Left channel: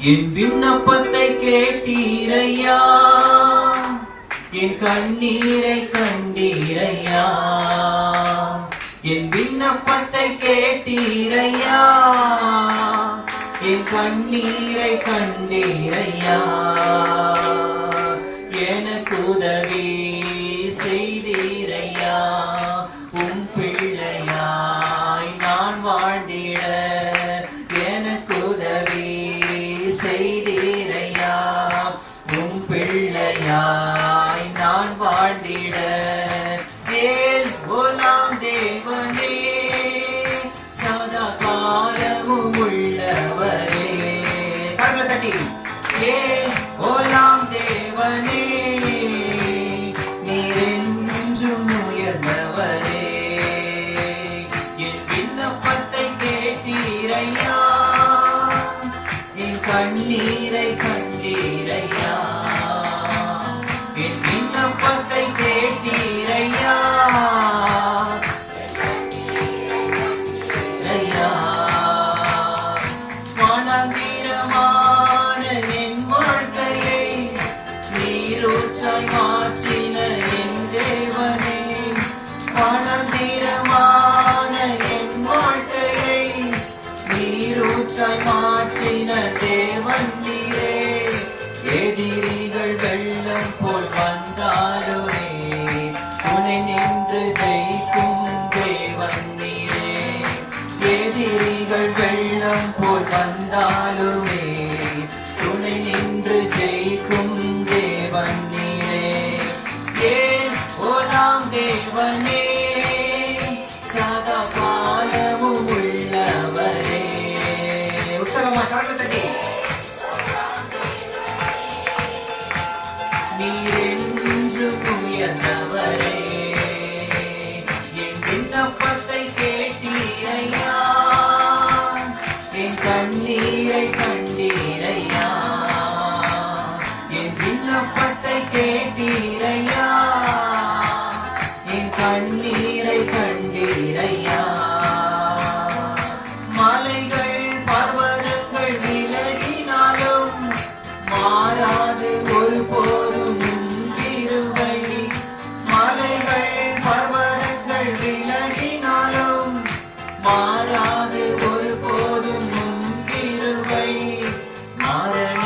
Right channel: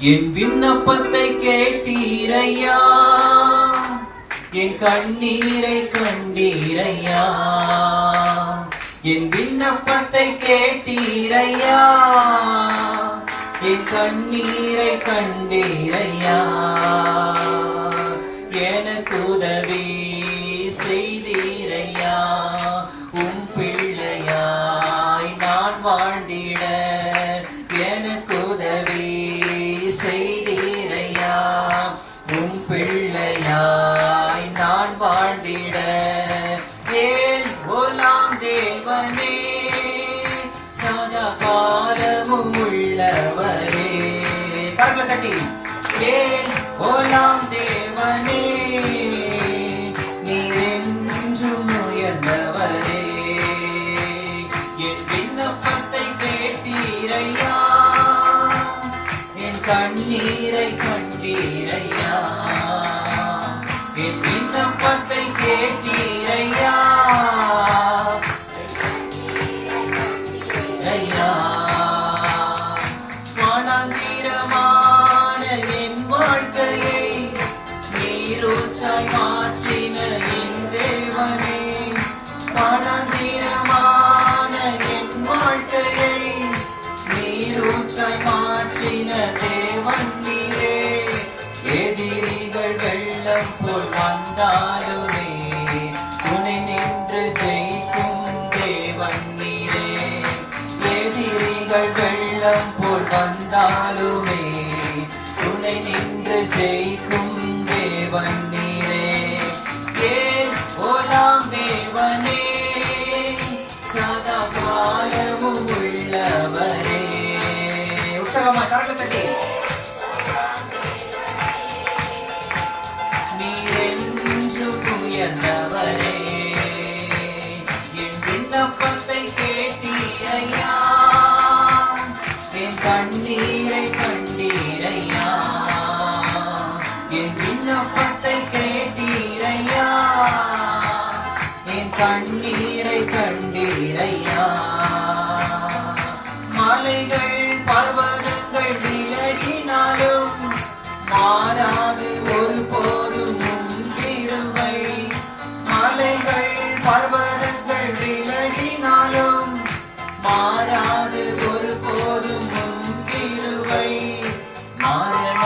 என் விண்ணப்பத்தை கேட்டீரையா? என் கண்ணீரை கண்டீரையா? என் விண்ணப்பத்தை கேட்டீரையா? என் கண்ணீரை கண்டீரையா? கர்மசட்டி கே ஓலாம் தேவனே நீரென்றும் உயர்ந்தவரே என் விண்ணப்பத்தை கேட்டீரையா? என் கண்ணீரை கண்டீரையா? hallelujah. மாறன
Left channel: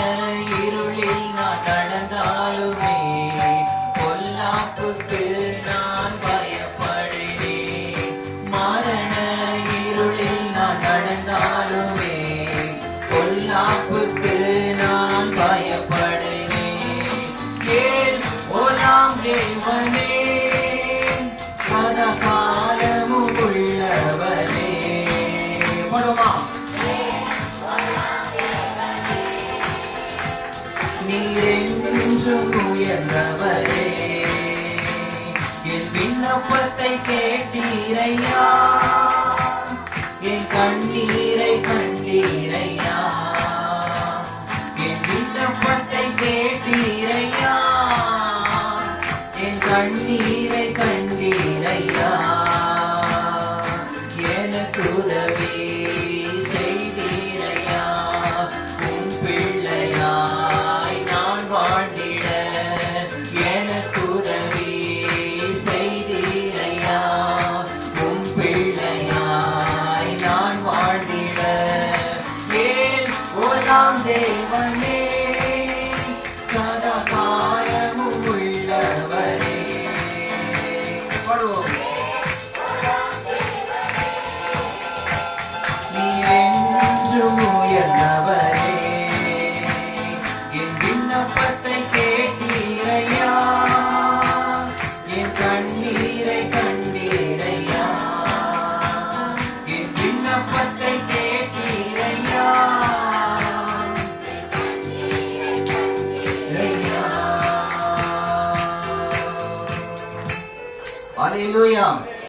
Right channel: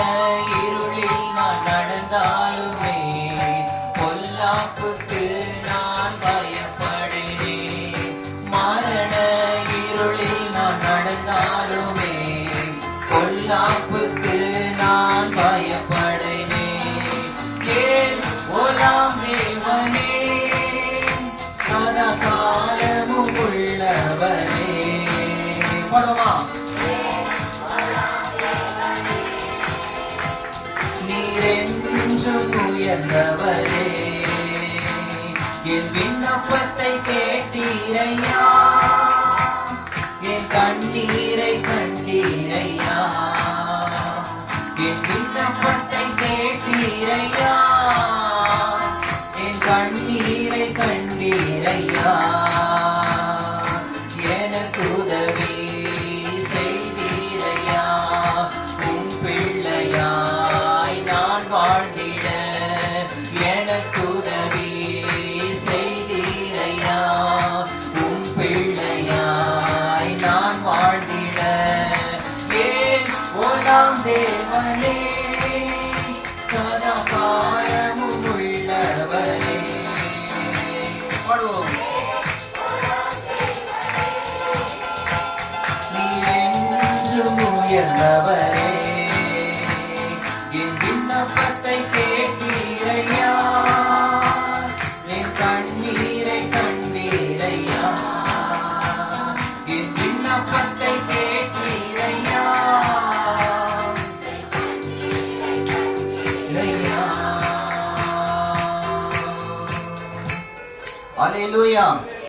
இருளில் நான் நடந்தாலுமே பொல்லாப்புக்கு நான் பயப்படுகிறேன் மாறன இருளில் நான் நடந்தாலுமே பொல்லாப்புக்கு நான் பயப்படுகிறேன் ஏன் ஒலாம் தேவனே? சதகாலமும் உள்ளவனே படமா என்றவரே என் விண்ணப்பத்தை கேட்டு நாளும் உயர்ந்தவரே. என் விண்ணப்பத்தை கேட்டீரையா? என் கண்ணீரை கண்டீரையா? என் விண்ணப்பத்தை கேட்டீரையா? அலையிலுயா